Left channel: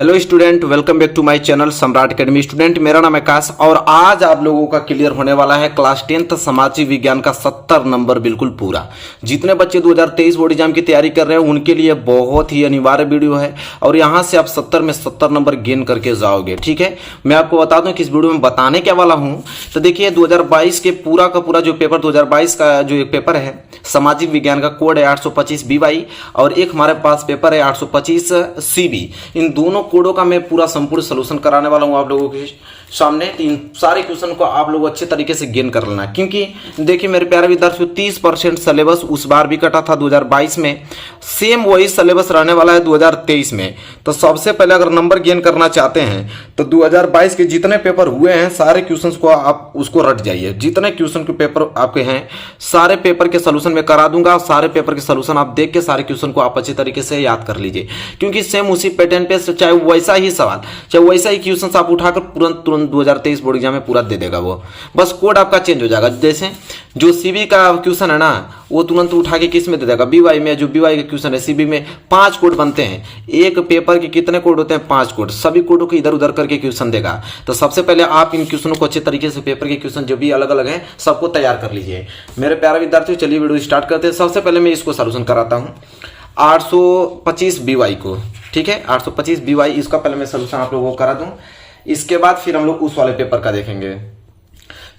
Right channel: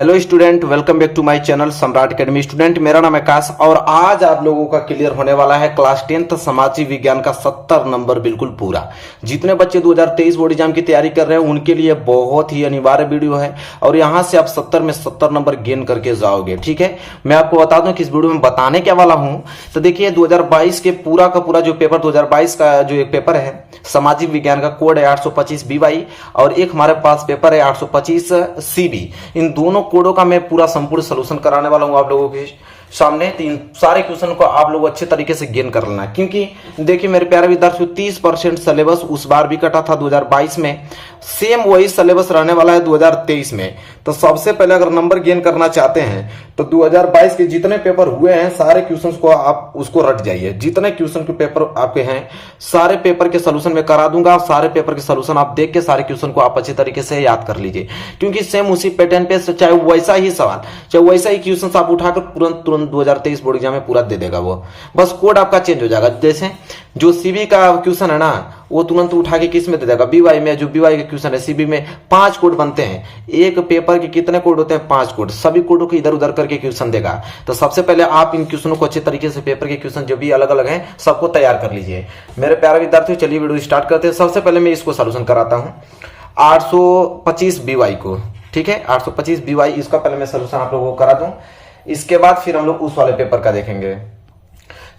Hello student, welcome back to my channel Samrat academy. Student, मेरा नाम है आकाश और आज आप लोगों का क्लियर होने वाला है क्लास 10th सामाजिक विज्ञान का 70 नंबर बिल्कुल पूरा। जितने बच्चे 2023 बोर्ड एग्जाम की तैयारी कर रहे हैं उनके लिए बहुत ही अनिवार्य वीडियो है और यहां से आप 70 में 70 नंबर गेन करके जाओगे। ठीक है, मैं आपको बता दूं कि इस वीडियो में बताने क्या वाला हूं। तो देखिए, 2022 के पूरा का पूरा जो पेपर 2022 का जो एक पेपर है सामाजिक विज्ञान का, कोड है 825 BY और एक हमारे पास पेपर है 825 CB। इन दोनों कोडों का मैं पूरा संपूर्ण सलूशन कराने वाला हूं आप लोगों के सामने। तो इन सारे क्वेश्चन को आप लोग अच्छे तरीके से गेन कर लेना, क्योंकि देखिए मेरे प्यारे विद्यार्थियों, 30% सिलेबस उस बार भी कटा था 2022 में, सेम वही सिलेबस रहने वाला है 2023 में। तो सबसे पहले अगर नंबर गेन करना चाहते हैं तो 2022 के जितने पेपर हुए हैं सारे क्वेश्चंस को आप उसको रट जाइए। जितने क्वेश्चन के पेपर आपके हैं सारे पेपर के सोल्यूशन में करा दूंगा। सारे पेपर के सोल्यूशन आप देख के सारे क्वेश्चन को आप अच्छे तरीके से याद कर लीजिए, क्योंकि सेम उसी पैटर्न पे चाहे वैसा ही सवाल, चाहे वैसा ही क्वेश्चन आप उठाकर तुरंत 2023 बोर्ड एग्जाम में पूरा दे देगा वो। बस कोड आपका चेंज हो जाएगा। जैसे जो सीबी का क्वेश्चन है ना, वो तुरंत उठा के किस में दे देगा, बीवाई में। जो बीवाई का क्वेश्चन है सीबी में 5 कोड बनते हैं। एक पेपर के कितने कोड होते हैं? 5 कोड। सभी कोडों को इधर उधर करके क्वेश्चन देगा। तो सबसे पहले आप इन क्वेश्चनों को अच्छे तरीके से, पेपर के क्वेश्चन जो भी अलग अलग हैं सबको तैयार कर लीजिए मेरे प्यारे विद्यार्थियों। चलिए वीडियो स्टार्ट करते हैं। सबसे पहले मैं इसको सोल्यूशन कराता हूँ 825 BY को। ठीक है, 825 BY इसका पहले मैं सोल्यूशन आप लोगों को करा दूं, इसके बाद फिर हम लोग उस वाले पेपर का देखेंगे।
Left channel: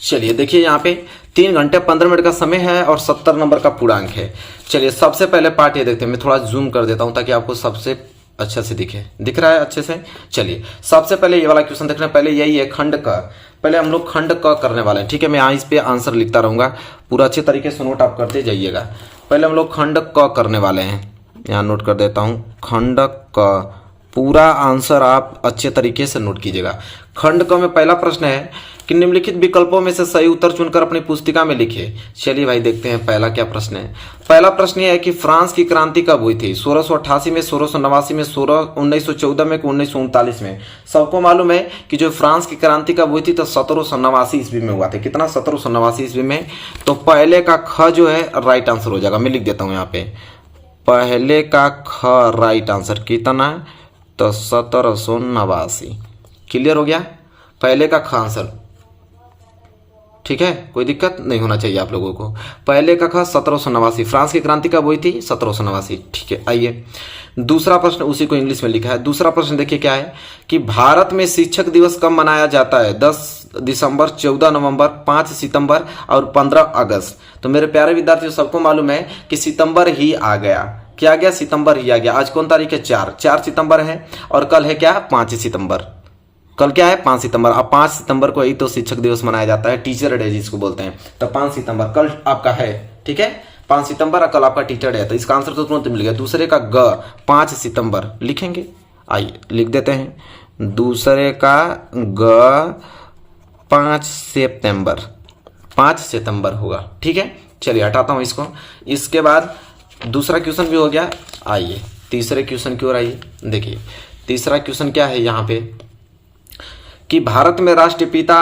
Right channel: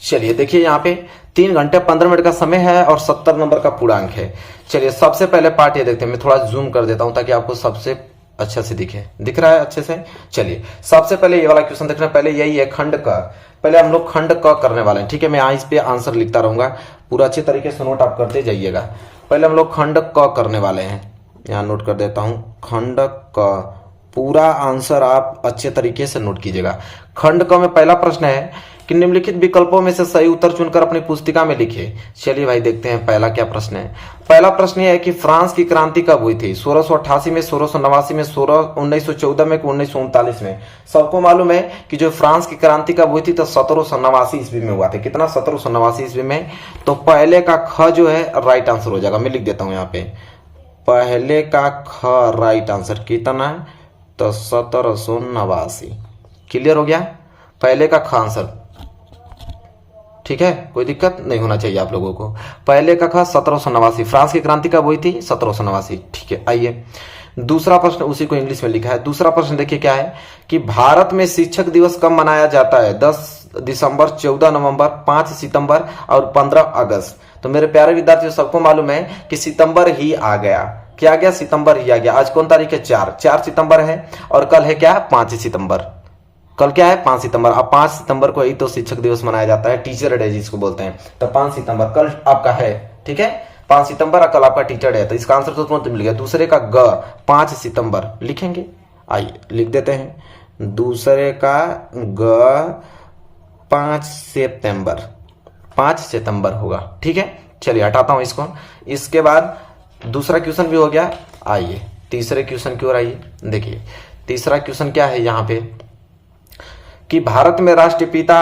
चलिए देखिए, यहाँ पे 3 घंटे 15 मिनट का समय है और 70 नंबर का पूर्णांक है। चलिए सबसे पहले पार्ट ये देखते हैं। मैं थोड़ा जूम कर देता हूं ताकि आपको सबसे अच्छा से दिख रहा है अच्छे से। चलिए सबसे पहले ये वाला क्वेश्चन देखना। पहले यही है खंड क। पहले हम लोग खंड क करने वाले हैं। ठीक है, मैं यहाँ इस पे आंसर लिखता रहूंगा, पूरा अच्छे तरीके से नोट आप करते जाइएगा। पहले हम लोग खंड क करने वाले हैं, यहाँ नोट कर देता हूं। खंड क पूरा आंसर आप अच्छे तरीके से नोट कीजिएगा। खंड क में पहला प्रश्न है कि निम्नलिखित विकल्पों में से सही उत्तर चुनकर अपनी पुस्तिका में लिखिए। चलिए भाई देखते हैं पहला क्या प्रश्न है। पहला प्रश्न यह है कि फ्रांस की क्रांति कब हुई थी? 1688 में, 1689 में, 1914 में, 1939 में। सबको मालूम है कि जो फ्रांस की क्रांति कब हुई थी तो 1789 ईस्वी में हुआ था। कितना? 1789 ईस्वी में। तो पहले का ख जो है राइट आंसर हो जाएगा। मैं लिख देता हूं यहाँ पे, पहले का ख राइट आंसर कितना है? तो 1789। क्लियर हो गया? पहले का ख आंसर। ठीक है, कोई दिक्कत नहीं होना चाहिए आप लोगों को। पहले का ख 1789। फ्रांस की क्रांति कब हुई थी? 1789। ठीक है, आइए दूसरा प्रश्न, उसी को इंग्लिश में लिखा है। दूसरा प्रश्न देखिए क्या है कि भारत में शिक्षक दिवस कब मनाया जाता है? 10 दिसंबर, 14 नवंबर, 5 सितंबर और 15 अगस्त। तो मेरे प्यारे विद्यार्थियों, सबको मालूम है कि सितंबर ही आ गया। क्या आ गया? सितंबर ही आ गया। आज कौन तारीख है? 4 सितंबर है और कल है क्या? 5 सितंबर। कल क्या है? 5 सितंबर। अब 5 सितंबर को ही तो शिक्षक दिवस मनाया जाता है, टीचर डे जिसको बोलते हैं। तो 5 सितंबर कल आपका है। ठीक है, 5 सितंबर कल आपका टीचर डे है। तो इसका आंसर तो तुरंत मिल गया। दूसरे का ग 5 सितंबर लिखेंगे। आइए लिख देते हैं, दूसरे का ग 5 सितंबर। 5 सितंबर होगा। ठीक है, चलिए हटाता हूं इसको। इसके बाद दूसरा क्वेश्चन भी हो गया। आइए तीसरे क्वेश्चन की ओर आइए। देखिए तीसरा क्वेश्चन क्या है यहाँ पे कि भारत में राष्ट्रपिता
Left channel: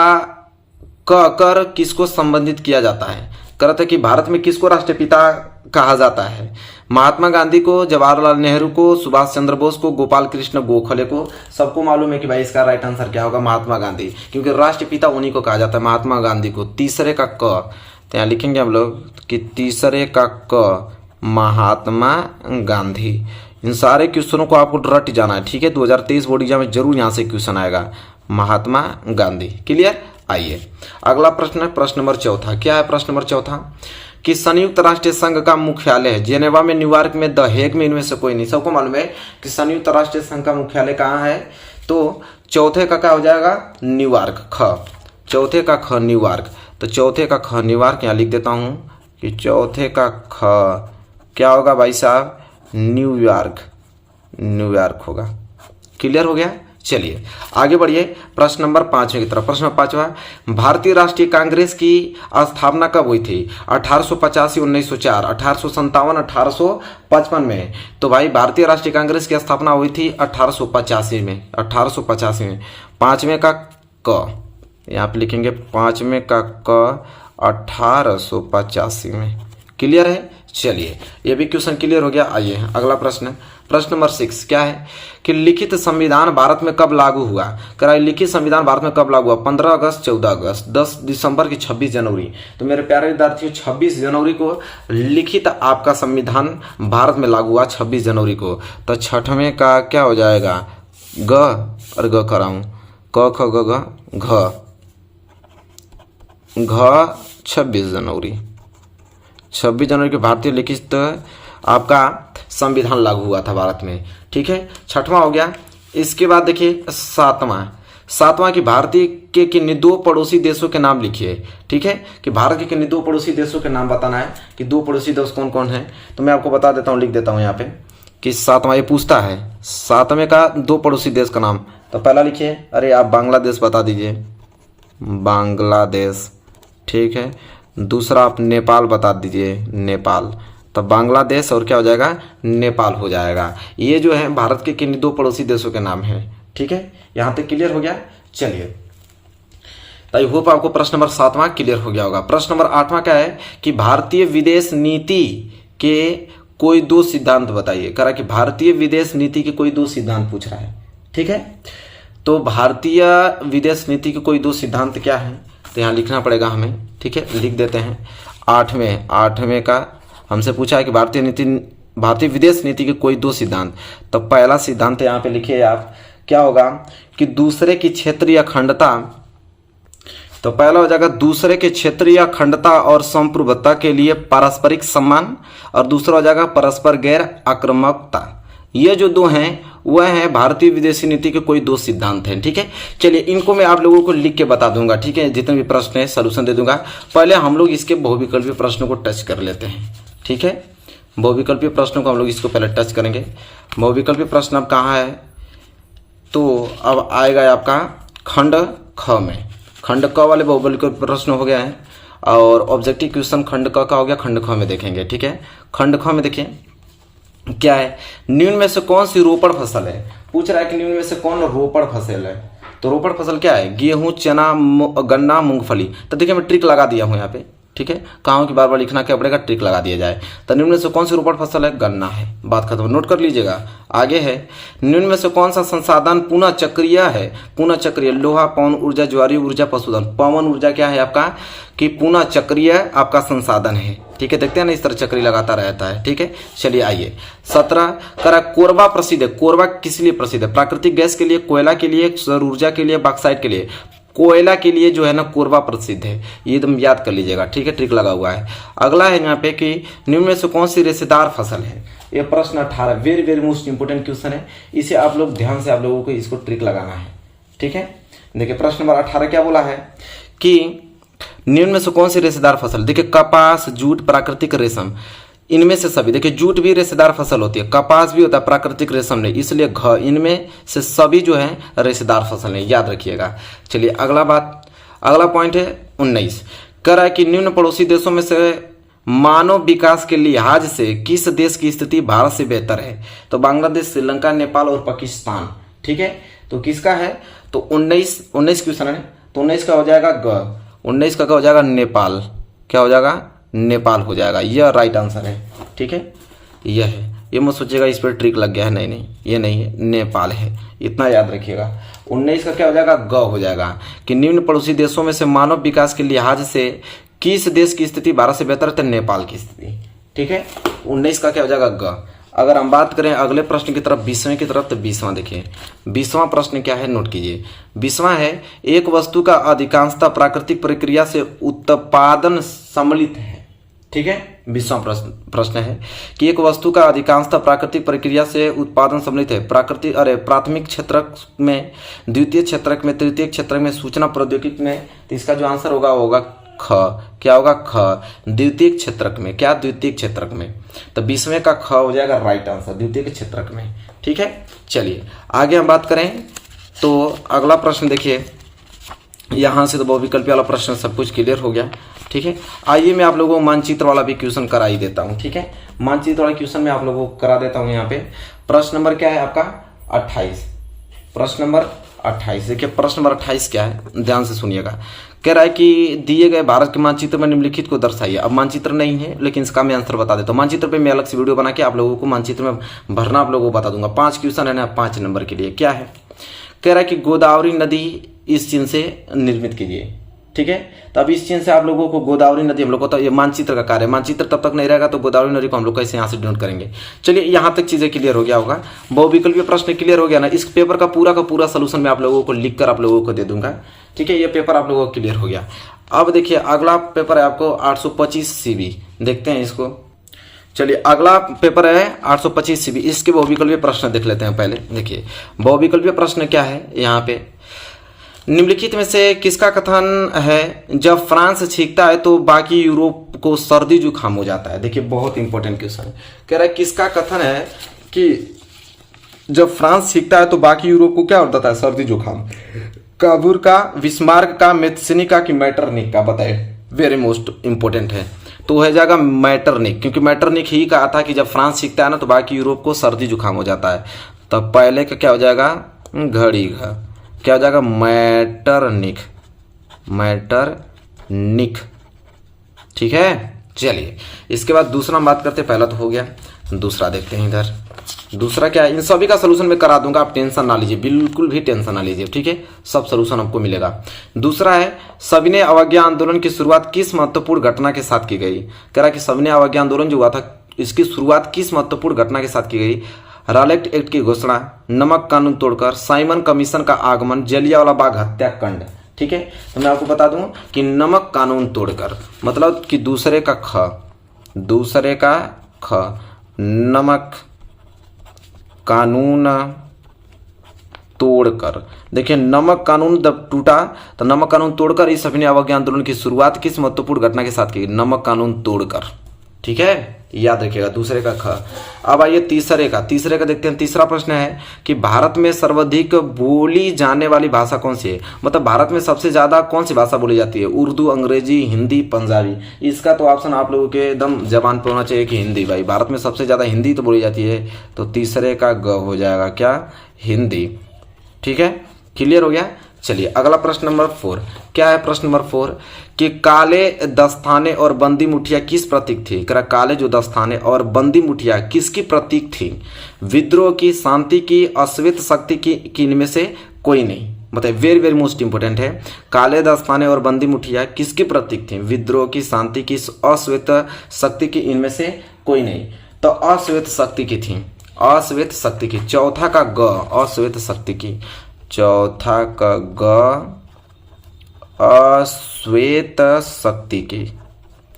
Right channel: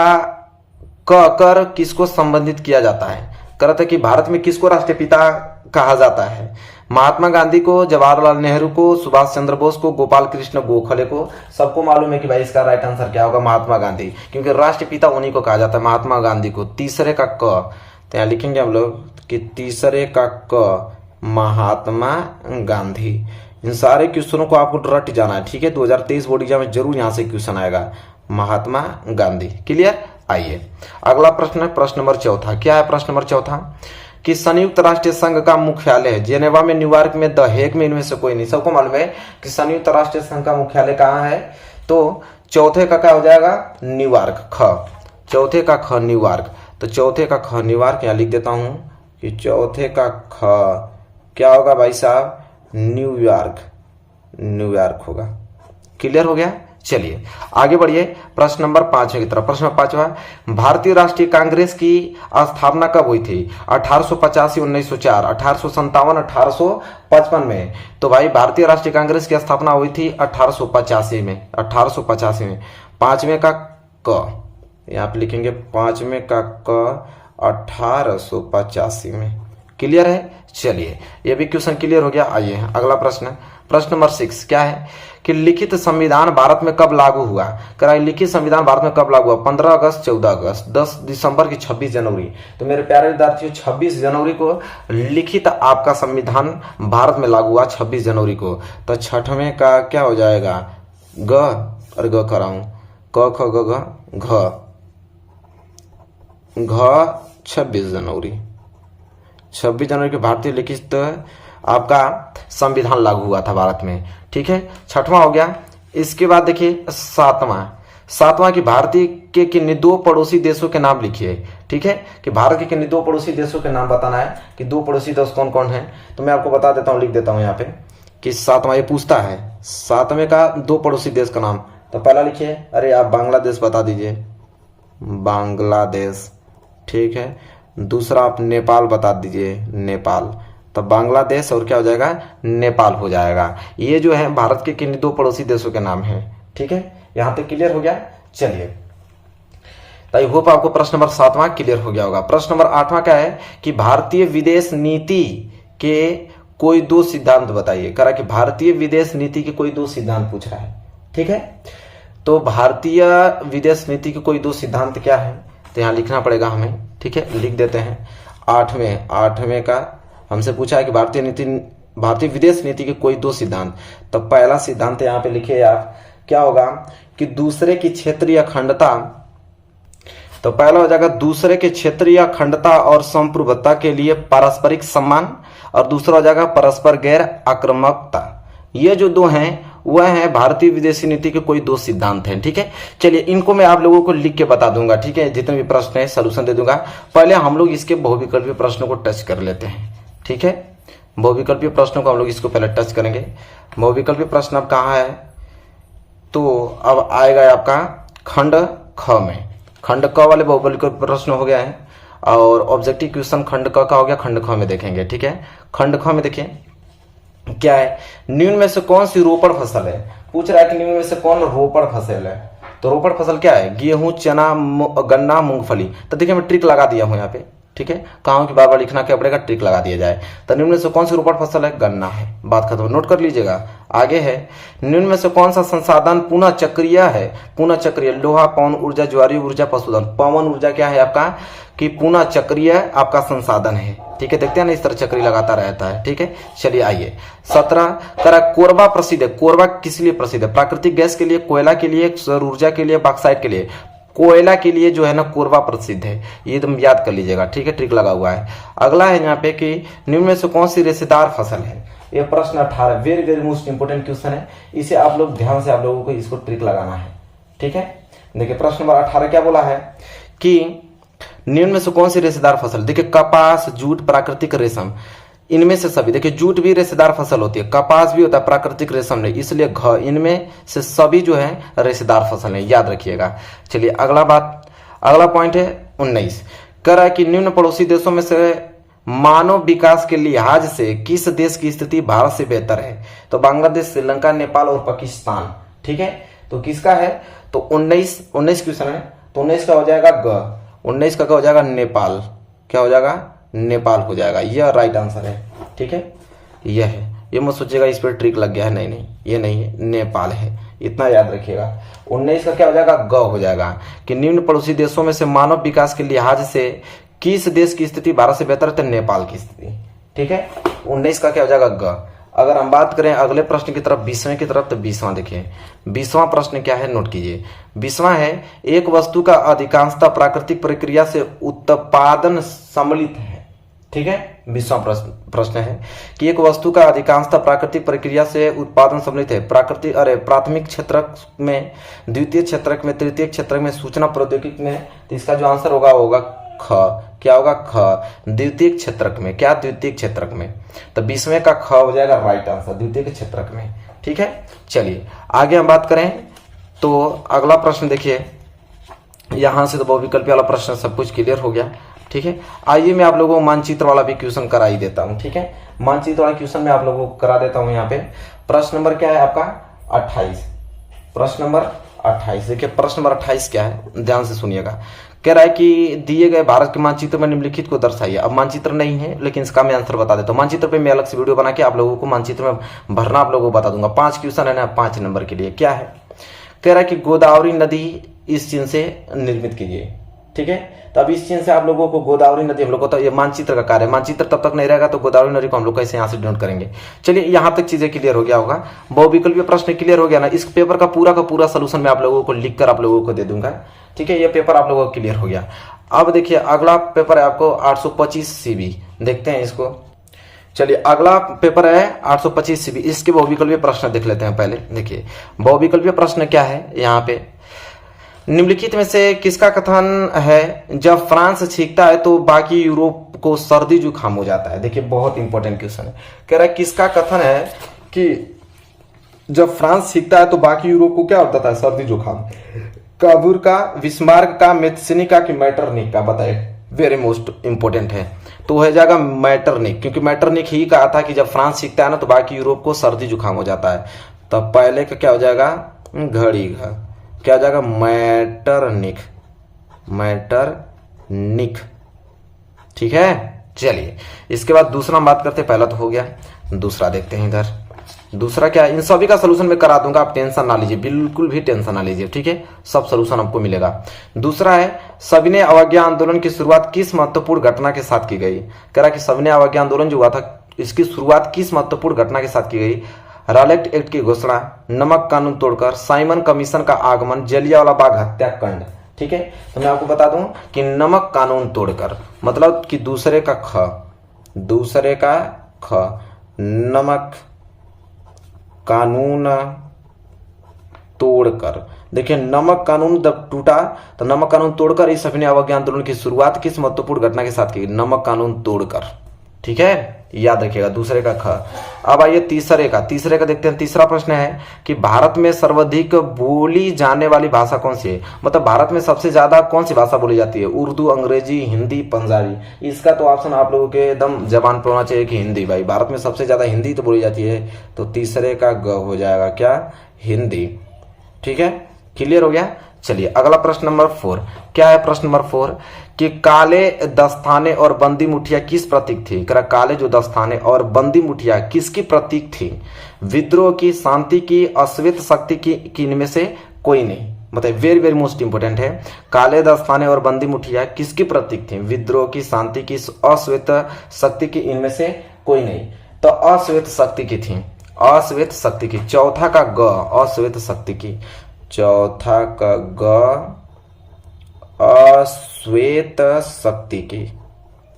कर किसको संबंधित किया जाता है? कहते हैं कि भारत में किसको राष्ट्रपिता कहा जाता है? महात्मा गांधी को, जवाहरलाल नेहरू को, सुभाष चंद्र बोस को, गोपाल कृष्ण गोखले को। सबको मालूम है कि भाई इसका राइट आंसर क्या होगा? महात्मा गांधी, क्योंकि राष्ट्रपिता उन्हीं को कहा जाता है, महात्मा गांधी को। तीसरे का क, तो यहाँ लिखेंगे हम लोग कि तीसरे का क महात्मा गांधी। इन सारे क्वेश्चनों को आपको रट जाना है। ठीक है, 2023 बोर्ड एग्जाम में जरूर यहां से क्वेश्चन आएगा, महात्मा गांधी। क्लियर? आइए अगला प्रश्न, प्रश्न नंबर 4। क्या है प्रश्न नंबर 4? कि संयुक्त राष्ट्र संघ का मुख्यालय जेनेवा में, न्यूयॉर्क में, द हेग में, इनमें से कोई नहीं। सबको मालूम है कि संयुक्त राष्ट्र संघ का मुख्यालय कहाँ है? तो चौथे का क्या हो जाएगा? न्यूयॉर्क। ख, चौथे का ख न्यूयॉर्क। तो चौथे का ख न्यूयॉर्क, यहां लिख देता हूं कि चौथे का ख क्या होगा भाई साहब? न्यूयॉर्क। न्यूयॉर्क होगा। क्लियर हो गया? चलिए आगे बढ़िए प्रश्न नंबर 5 की तरफ। प्रश्न 5वां, भारतीय राष्ट्रीय कांग्रेस की स्थापना कब हुई थी? 1885, 1904, 1857, 1855 में। तो भाई भारतीय राष्ट्रीय कांग्रेस की स्थापना हुई थी 1885 में। 1885 में। 5वें का क यहाँ पे लिखेंगे, 5वें का क 1885 में। क्लियर है? चलिए ये भी क्वेश्चन क्लियर हो गया। आइए अगला प्रश्न, प्रश्न नंबर 6 क्या है कि लिखित संविधान भारत में कब लागू हुआ। कह रहा है लिखित संविधान भारत में कब लागू हुआ, 15 अगस्त, 14 अगस्त, 10 दिसंबर की 26 जनवरी। तो मेरे प्यारे विद्यार्थियों 26 जनवरी को लिखित आपका संविधान भारत में लागू हुआ 26 जनवरी को। तो छठवें का क्या हो जाएगा, ग और ग कराऊं, क ख ग घ 26 जनवरी, 26 जनवरी को भारतीय लिखित आपका संविधान लागू हुआ था भारत में। ठीक है, छठवां हो गया। इसके बाद देखिए सातवां की भारतीय के किन्हीं 2 पड़ोसी देशों के नाम लिखिए। ठीक है, कि भारत के किन्हीं 2 पड़ोसी देशों के नाम बताना है कि 2 पड़ोसी देश कौन कौन है। तो मैं आपको बता देता हूं, लिख देता हूं यहाँ पे कि सातवां ये पूछता है 7वें का 2 पड़ोसी देश का नाम। तो पहला लिखिए, अरे आप बांग्लादेश बता दीजिए, बांग्लादेश। ठीक है, दूसरा आप नेपाल बता दीजिए, नेपाल। तो बांग्लादेश और क्या हो जाएगा, नेपाल हो जाएगा। ये जो है भारत के किन 2 पड़ोसी देशों के नाम है। ठीक है, यहां तक क्लियर हो गया। चलिए, तो आई होप आपको प्रश्न नंबर 7वां क्लियर हो गया होगा। प्रश्न नंबर 8वां क्या है कि भारतीय विदेश नीति के कोई 2 सिद्धांत बताइए। कह रहा कि भारतीय विदेश नीति के कोई 2 सिद्धांत पूछ रहा है। ठीक है, तो भारतीय विदेश नीति के कोई 2 सिद्धांत क्या है, तो यहां लिखना पड़ेगा हमें। ठीक है, लिख देते हैं। 8वें का हमसे पूछा है कि भारतीय विदेश नीति के कोई 2 सिद्धांत। तो पहला सिद्धांत यहां पे लिखिए आप, क्या होगा कि दूसरे की क्षेत्रीय अखंडता। तो पहला हो जाएगा दूसरे के क्षेत्रीय अखंडता और संप्रभुता के लिए पारस्परिक सम्मान, और दूसरा हो जाएगा परस्पर गैर आक्रामकता। ये जो 2 हैं वह है भारतीय विदेशी नीति के कोई 2 सिद्धांत हैं। ठीक है, चलिए इनको मैं आप लोगों को लिख के बता दूंगा। ठीक है, जितने भी प्रश्न है सॉल्यूशन दे दूंगा। पहले हम लोग इसके बहुविकल्पीय प्रश्नों को टच कर लेते हैं। ठीक है, बहुविकल्पीय प्रश्नों को हम लोग इसको पहले टच करेंगे। बहुविकल्पीय प्रश्न अब कहाँ है, तो अब आएगा आपका खंड ख में। खंड क वाले बहुविकल्पीय प्रश्न हो गया है, और ऑब्जेक्टिव क्वेश्चन खंड क का हो गया, खंड ख में देखेंगे। ठीक है, खंड ख में देखिए क्या है, निम्न में से कौन सी रोपण फसल है। पूछ रहा है कि निम्न में से कौन रोपण फसल है। तो रोपण फसल क्या है, गेहूं, चना, गन्ना, मूंगफली। तो देखिए मैं ट्रिक लगा दिया हूं यहाँ पे। ठीक है, कहा कि बार बार लिखना क्या पड़ेगा, ट्रिक लगा दिया जाए। तो निम्न में से कौन सी रोपण फसल है, गन्ना है। बात खत्म, नोट कर लीजिएगा। आगे है, निम्न में से कौन सा संसाधन पुनः चक्रीय है। पुनः चक्रीय लोहा, पवन ऊर्जा, ज्वारीय ऊर्जा, पशुधन। पवन ऊर्जा क्या है आपका कि पुनः चक्रीय आपका संसाधन है। ठीक है, देखते हैं ना इस तरह चक्री लगाता रहता है। ठीक है, चलिए आइए। 17 करा कोरबा प्रसिद्ध है। कोरबा किस लिए प्रसिद्ध है, प्राकृतिक गैस के लिए, कोयला के लिए, सौर ऊर्जा के लिए, बॉक्साइट के लिए। कोयला के लिए जो है ना कोरबा प्रसिद्ध है, ये एकदम याद कर लीजिएगा। ठीक है, ट्रिक लगा हुआ है। अगला है यहाँ पे कि निम्न में से कौन सी रेशेदार फसल है। ये प्रश्न 18 very very most important question है। इसे आप लोग ध्यान से आप लोगों को इसको ट्रिक लगाना है। ठीक है, देखिए प्रश्न नंबर 18 क्या बोला है कि निम्न में से कौन सी रेशेदार फसल। देखिए कपास, जूट, प्राकृतिक रेशम, इनमें से सभी। देखिए जूट भी रेशेदार फसल होती है, कपास भी होता है, प्राकृतिक रेशम नहीं, इसलिए घ, इनमें से सभी जो है रेशेदार फसल है, याद रखिएगा। चलिए अगला पॉइंट है 19। कह रहा है कि निम्न पड़ोसी देशों में से मानव विकास के लिहाज से किस देश की स्थिति भारत से बेहतर है। तो बांग्लादेश, श्रीलंका, नेपाल और पाकिस्तान। ठीक है, तो किसका है, तो 19 क्वेश्चन है, तो 19 का हो जाएगा ग, 19 का हो जाएगा नेपाल। क्या हो जाएगा, नेपाल हो जाएगा। यह राइट आंसर है। ठीक है, यह है, ये मत सोचिएगा इस पर ट्रिक लग गया है, नहीं, ये नहीं है, नेपाल है, इतना याद रखिएगा। 19 का क्या हो जाएगा, ग हो जाएगा कि निम्न पड़ोसी देशों में से मानव विकास के लिहाज से किस देश की स्थिति भारत से बेहतर है, तो नेपाल की स्थिति। ठीक है, 19 का क्या हो जाएगा, ग। अगर हम बात करें अगले प्रश्न की तरफ, 20वें की तरफ, तो 20वां देखिए। 20वां प्रश्न क्या है, नोट कीजिए। 20वां है, एक वस्तु का अधिकांशतः प्राकृतिक प्रक्रिया से उत्पादन सम्मिलित है। ठीक है, 20वां प्रश्न है कि एक वस्तु का अधिकांशतः प्राकृतिक प्रक्रिया से उत्पादन सम्मिलित है। प्राथमिक क्षेत्रक में, द्वितीय क्षेत्रक में, तृतीय क्षेत्रक में, सूचना प्रौद्योगिकी में। तो इसका जो आंसर होगा ख। क्या होगा, ख, द्वितीय क्षेत्रक में। क्या, द्वितीय क्षेत्रक में। तो 20वें का ख हो जाएगा राइट आंसर, द्वितीय क्षेत्रक में। ठीक है, चलिए आगे हम बात करें तो अगला प्रश्न देखिए। यहां से तो बहुविकल्पी वाला प्रश्न सब कुछ क्लियर हो गया। ठीक है, आइए मैं आप लोगों को मानचित्र वाला भी क्वेश्चन करा ही देता हूं। ठीक है, मानचित्र वाला क्वेश्चन मैं आप लोगों को करा देता हूं। यहाँ पे प्रश्न नंबर क्या है आपका, 28। प्रश्न नंबर 28। देखिए प्रश्न नंबर 28 क्या है, ध्यान से सुनिएगा। कह रहा है कि दिए गए भारत के मानचित्र में निम्नलिखित को दर्शाइए। अब मानचित्र नहीं है लेकिन इसका मैं आंसर बता देता हूँ। मानचित्र पे मैं अलग से वीडियो बना के आप लोगों को मानचित्र में भरना आप लोगों को बता दूंगा। 5 क्वेश्चन है ना, 5 नंबर के लिए। क्या है, कह रहा है कि गोदावरी नदी इस चिन्ह से निर्मित कीजिए। ठीक है, तो अब इस चिन्ह से आप लोगों को गोदावरी नदी, हम लोग को तो ये मानचित्र का कार्य है, मानचित्र तब तक नहीं रहेगा तो गोदावरी नदी को हम लोग कैसे यहाँ से डिनोट करेंगे। चलिए यहाँ तक चीजें क्लियर हो गया होगा, बहुविकल्पीय प्रश्न क्लियर हो गया ना। इस पेपर का पूरा सोल्यूशन मैं आप लोगों को लिखकर आप लोगों को दे दूंगा। ठीक है, ये पेपर आप लोगों को क्लियर हो गया। अब देखिए अगला पेपर है आपको 825 सीबी, देखते हैं इसको। चलिए अगला पेपर है 825 सीबी, इसके बहुविकल्पीय प्रश्न देख लेते हैं पहले। देखिए बहुविकल्पीय प्रश्न क्या है यहाँ पे, निम्नलिखित में से किसका कथन है, जब फ्रांस छींकता है तो बाकी यूरोप को सर्दी जुकाम हो जाता है। देखिए बहुत इंपॉर्टेंट क्वेश्चन है, कह रहा है किसका कथन है कि जब फ्रांस छींकता है तो बाकी यूरोप को क्या होता है, सर्दी जुकाम। काबूर का, विस्मार्क का, मेत्सनिका की मैटरनिक का, बताए। वेरी मोस्ट इंपॉर्टेंट है, तो हो जाएगा मैटरनिक, क्योंकि मैटरनिक ही कहा था कि जब फ्रांस छींकता है ना तो बाकी यूरोप को सर्दी जुकाम हो जाता है। तब पहले का क्या हो जाएगा, घड़ी का क्या हो जाएगा, मैटरनिक, मैटरनिक। ठीक है, चलिए इसके बाद दूसरा बात करते, पहला तो हो गया, दूसरा देखते हैं इधर। दूसरा क्या है, इन सभी का सलूशन मैं करा दूंगा, आप टेंशन ना लीजिए, बिल्कुल भी टेंशन ना लीजिए। ठीक है, सब सलूशन आपको मिलेगा। दूसरा है, सविनय अवज्ञा आंदोलन की शुरुआत किस महत्वपूर्ण घटना के साथ की गई। कह रहा कि सविनय अवज्ञा आंदोलन जो हुआ था इसकी शुरुआत किस महत्वपूर्ण घटना के साथ की गई। रॉलेट एक्ट की घोषणा, नमक कानून तोड़कर, साइमन कमीशन का आगमन, जलियांवाला बाग हत्याकांड। ठीक है, तो मैं आपको बता दूं कि नमक कानून तोड़कर मतलब कि दूसरे का ख, नमक कानून तोड़कर। देखिए नमक कानून जब टूटा तो नमक कानून तोड़कर इस सविनय अवज्ञा आंदोलन की शुरुआत किस महत्वपूर्ण घटना के साथ की, नमक कानून तोड़कर। ठीक है, याद रखिएगा, दूसरे का ख। अब आइए तीसरे का देखते हैं। तीसरा प्रश्न है कि भारत में सर्वाधिक बोली जाने वाली भाषा कौन सी है, मतलब भारत में सबसे ज्यादा कौन सी भाषा बोली जाती है, उर्दू, अंग्रेजी, हिंदी, पंजाबी। इसका तो ऑप्शन आप लोगों के एकदम जबान पे होना चाहिए कि हिंदी। भाई भारत में सबसे ज्यादा हिंदी तो बोली जाती है, तो तीसरे का ग हो जाएगा क्या, हिंदी। ठीक है, क्लियर हो गया। चलिए अगला प्रश्न नंबर 4 क्या है, प्रश्न नंबर 4 कि काले दस्ताने और बंदी मुठिया किस प्रतीक थी। काले जो दस्ताने और बंदी मुठिया किसकी प्रतीक थी, विद्रोह की, शांति की, अश्वेत शक्ति की इनमें से कोई नहीं। मतलब वेरी वेरी मोस्ट इंपोर्टेंट है, काले दस्ताने और बंदी मुठिया किसकी प्रतीक थी, विद्रोह की, शांति की, अश्वेत शक्ति की इनमें से कोई नहीं। तो अश्वेत शक्ति की थी, अश्वेत शक्ति की। चौथा का ग, अश्वेत शक्ति की, चौथा का ग अश्वेत शक्ति की,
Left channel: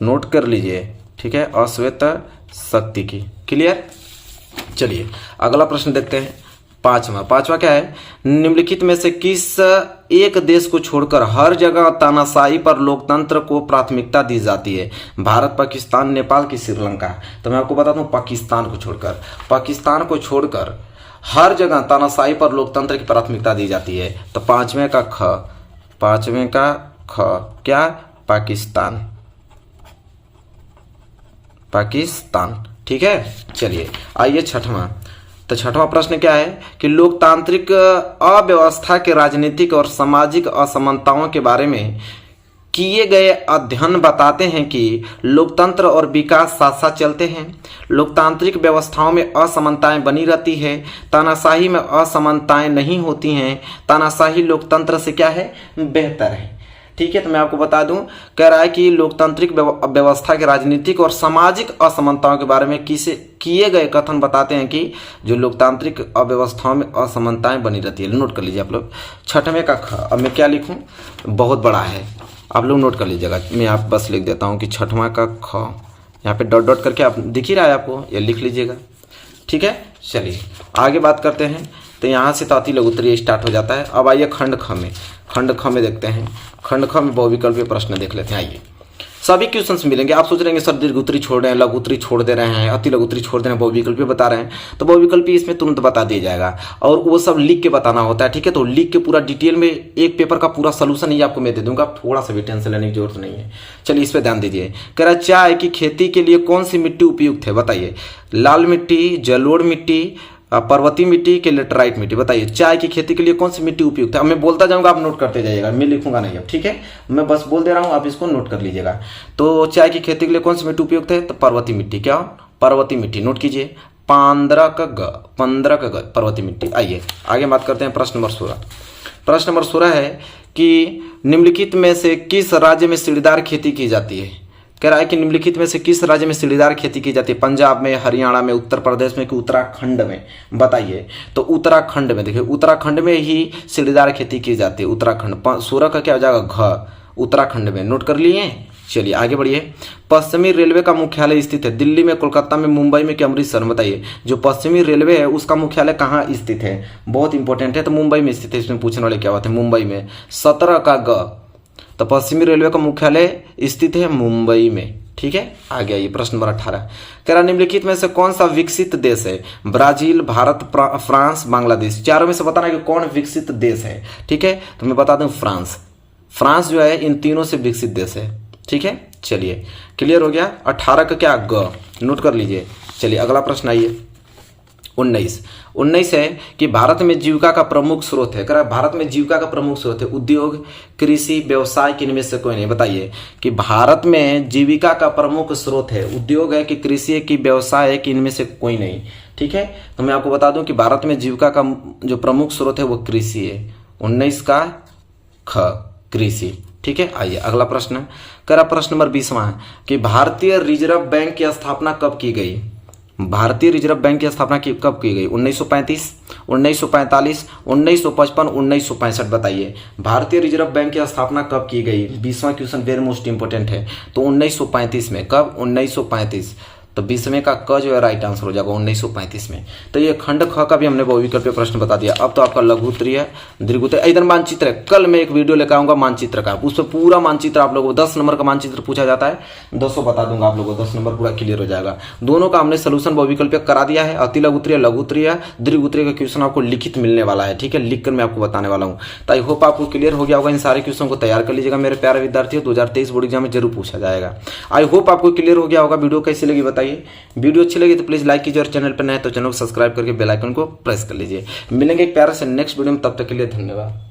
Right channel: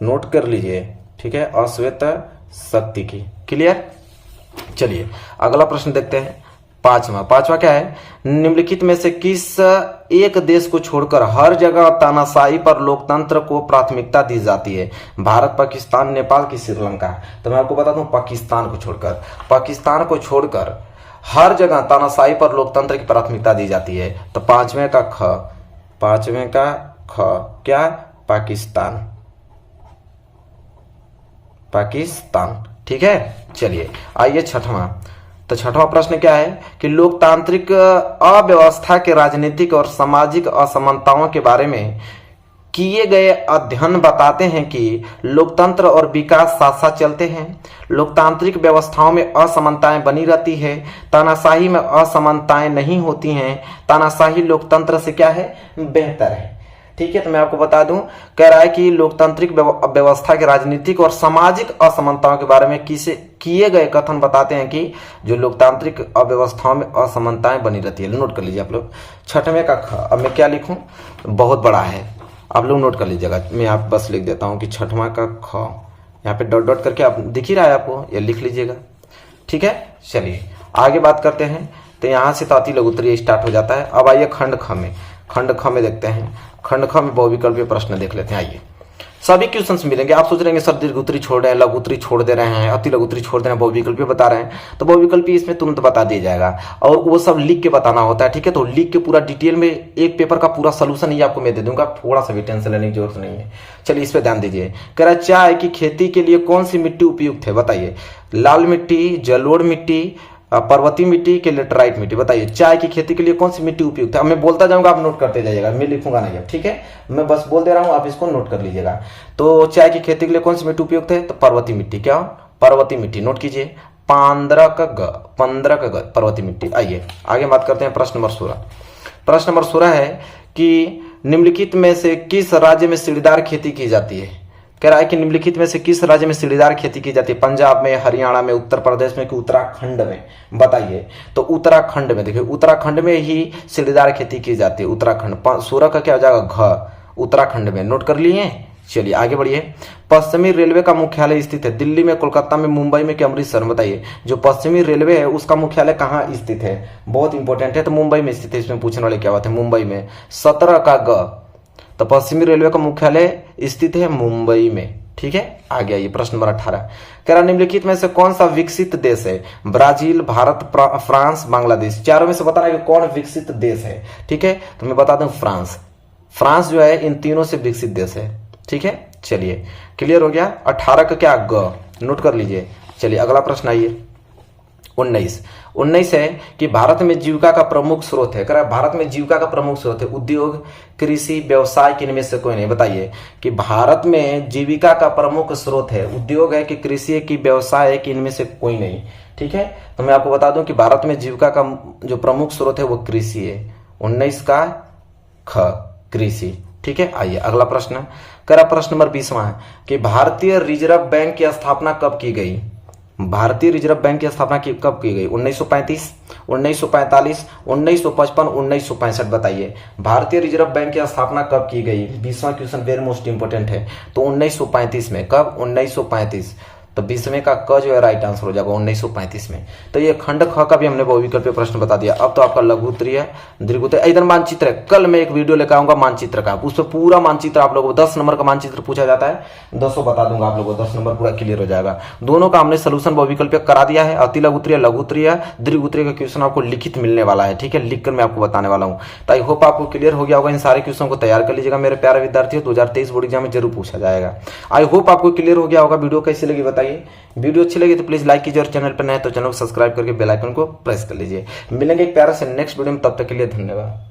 नोट कर लीजिए। ठीक है, अश्वेत शक्ति की। क्लियर। चलिए अगला प्रश्न देखते हैं, पांचवा क्या है, निम्नलिखित में से किस एक देश को छोड़कर हर जगह तानाशाही पर लोकतंत्र को प्राथमिकता दी जाती है, भारत, पाकिस्तान, नेपाल की श्रीलंका। तो मैं आपको बता दूं पाकिस्तान को छोड़कर हर जगह तानाशाही पर लोकतंत्र की प्राथमिकता दी जाती है। तो पांचवें का ख क्या, पाकिस्तान। ठीक है, चलिए आइए छठवां। तो छठवां प्रश्न क्या है कि लोकतांत्रिक अव्यवस्था के राजनीतिक और सामाजिक असमानताओं के बारे में किए गए अध्ययन बताते हैं कि लोकतंत्र और विकास साथ साथ चलते हैं। लोकतांत्रिक व्यवस्थाओं में असमानताएं बनी रहती है, तानाशाही में असमानताएं नहीं होती हैं। तानाशाही लोकतंत्र से क्या है, बेहतर है। ठीक है, तो मैं आपको बता दूं, कह रहा है कि लोकतांत्रिक व्यवस्था के राजनीतिक और सामाजिक असमानताओं के बारे में किए गए कथन बताते हैं कि जो लोकतांत्रिक अव्यवस्थाओं में असमानताएं बनी रहती है। नोट कर लीजिए आप लोग, छठवें का ख। अब मैं क्या लिखूं, बहुत बड़ा है, आप लोग नोट कर लीजिएगा। मैं आप बस लिख देता हूं कि छठवां का ख, यहाँ पे डॉट डॉट करके आप दिख ही रहा है आपको, ये लिख लीजिएगा। ठीक है, चलिए आगे बात करते हैं। तो यहाँ से ताती लघुत्तरीय स्टार्ट हो जाता है। अब आइए खंड ख में देखते हैं। खंड ख में बहुविकल्पीय प्रश्न देख लेते हैं। आइए सभी क्वेश्चंस मिलेंगे। आप सोच रहे हैं सर दीर्घोत्तरी छोड़ रहे हैं, लघुत्तरी छोड़ दे रहे हैं, अति लघुत्तरी छोड़ दे रहे हैं, बहुविकल्पीय बता रहे हैं, तो बहुविकल्पीय इसमें तुरंत बता दिया जाएगा और वो सब लिख के बताना होता है। ठीक है, तो लिख के पूरा डिटेल में एक पेपर का पूरा सोल्यूशन ही आपको मैं दे दूंगा, थोड़ा सा भी टेंशन लेने की जरूरत नहीं है। चलिए इस पे ध्यान दीजिए। कह रहा चाय की खेती के लिए कौन सी मिट्टी उपयुक्त है, बताइए। लाल मिट्टी, जलोढ़ मिट्टी, पर्वतीय मिट्टी के लेटराइट मिट्टी। बताइए चाय की खेती के लिए कौन सी मिट्टी उपयुक्त है? मैं बोलता जाऊंगा, आप नोट करते जाइएगा, मैं लिखूंगा नहीं अब, ठीक है? मैं बस बोल दे रहा हूं, आप इसको नोट कर लीजिएगा। तो चाय की खेती के लिए कौन सी मिट्टी उपयुक्त है? तो पर्वतीय मिट्टी। क्या? पर्वतीय मिट्टी। नोट कीजिए, 15 का ग पर्वतीय मिट्टी। आइए आगे बात करते हैं प्रश्न नंबर 16। प्रश्न नंबर 16 है कि निम्नलिखित में से किस राज्य में सीढ़ीदार खेती की जाती है? कह रहा है कि निम्नलिखित में से किस राज्य में सीढ़ीदार खेती की जाती है? पंजाब में, हरियाणा में, उत्तर प्रदेश में कि उत्तराखंड में? बताइए। तो उत्तराखंड में। देखिए उत्तराखंड में ही सीढ़ीदार खेती की जाती है। उत्तराखंड। 16 का क्या हो जाएगा? घ। उत्तराखंड में। नोट कर लिए? चलिए आगे बढ़िए। पश्चिमी रेलवे का मुख्यालय स्थित है दिल्ली में, कोलकाता में, मुंबई में कि अमृतसर में? बताइए। जो पश्चिमी रेलवे है उसका मुख्यालय कहाँ स्थित है? बहुत इंपॉर्टेंट है, तो मुंबई में स्थित है। इसमें पूछने वाले क्या बात है? मुंबई में। 17 का ग। तो पश्चिमी रेलवे का मुख्यालय स्थित है मुंबई में, ठीक है? आगे आइए प्रश्न नंबर 18। कह रहा निम्नलिखित में से कौन सा विकसित देश है? Brazil, Bharat, France, Bangladesh. चारों में से बताना कि कौन विकसित देश है, ठीक है? तो मैं बता दूं फ्रांस। फ्रांस जो है इन तीनों से विकसित देश है, ठीक है? चलिए क्लियर हो गया। 18 का क्या? ग। नोट कर लीजिए। चलिए अगला प्रश्न आइए। 19 है कि भारत में जीविका का प्रमुख स्रोत है। कह रहा भारत में जीविका का प्रमुख स्रोत है उद्योग, कृषि, व्यवसाय कि इनमें से कोई नहीं? बताइए कि भारत में जीविका का प्रमुख स्रोत है उद्योग है कि कृषि है कि व्यवसाय है कि इनमें से कोई नहीं, ठीक है? तो मैं आपको बता दूं कि भारत में जीविका का जो प्रमुख स्रोत है वो कृषि है। 19 का ख, कृषि, ठीक है? आइए अगला प्रश्न। कह रहा प्रश्न नंबर 20वां है कि भारतीय रिजर्व बैंक की स्थापना कब की गई? भारतीय रिजर्व बैंक की स्थापना कब की गई? 1935, 1945, 1955, 1965? बताइए भारतीय रिजर्व बैंक की स्थापना कब की गई? 20वां क्वेश्चन वेरी मोस्ट इंपोर्टेंट है। तो 1935 में। कब? 1935। तो 20वें का क जो है राइट आंसर हो जाएगा 1935 में। तो ये खंड ख का भी हमने बहुविकल्पीय प्रश्न बता दिया। अब तो आपका लघु उत्तरीय, दीर्घ उत्तरीय, इधर मानचित्र है। कल मैं एक वीडियो लेकर आऊंगा मानचित्र का, उस पर पूरा मानचित्र आप लोगों को 10 नंबर का मानचित्र पूछा जाता है, 200 बता दूंगा आप लोगों को, 10 नंबर पूरा क्लियर हो जाएगा। दोनों का हमने सोल्यूशन बहुविकल्पीय करा दिया है। अति लघु उत्तरीय, लघु उत्तरीय, दीर्घ उत्तरीय का क्वेश्चन आपको लिखित मिलने वाला है, ठीक है? लिखकर मैं आपको बताने वाला हूँ। तो आई होप आपको क्लियर हो गया होगा। इन सारे क्वेश्चन को तैयार कर लीजिएगा मेरे प्यारे विद्यार्थियों, 2023 बोर्ड एग्जाम में जरूर पूछा जाएगा। आई होप आपको क्लियर हो गया होगा। वीडियो कैसी लगी बताइए। वीडियो अच्छी लगी तो प्लीज लाइक कीजिए और चैनल पर नए तो चैनल को सब्सक्राइब करके बेल आइकन को प्रेस कर लीजिए। मिलेंगे एक प्यारे से नेक्स्ट वीडियो में, तब तक के लिए धन्यवाद।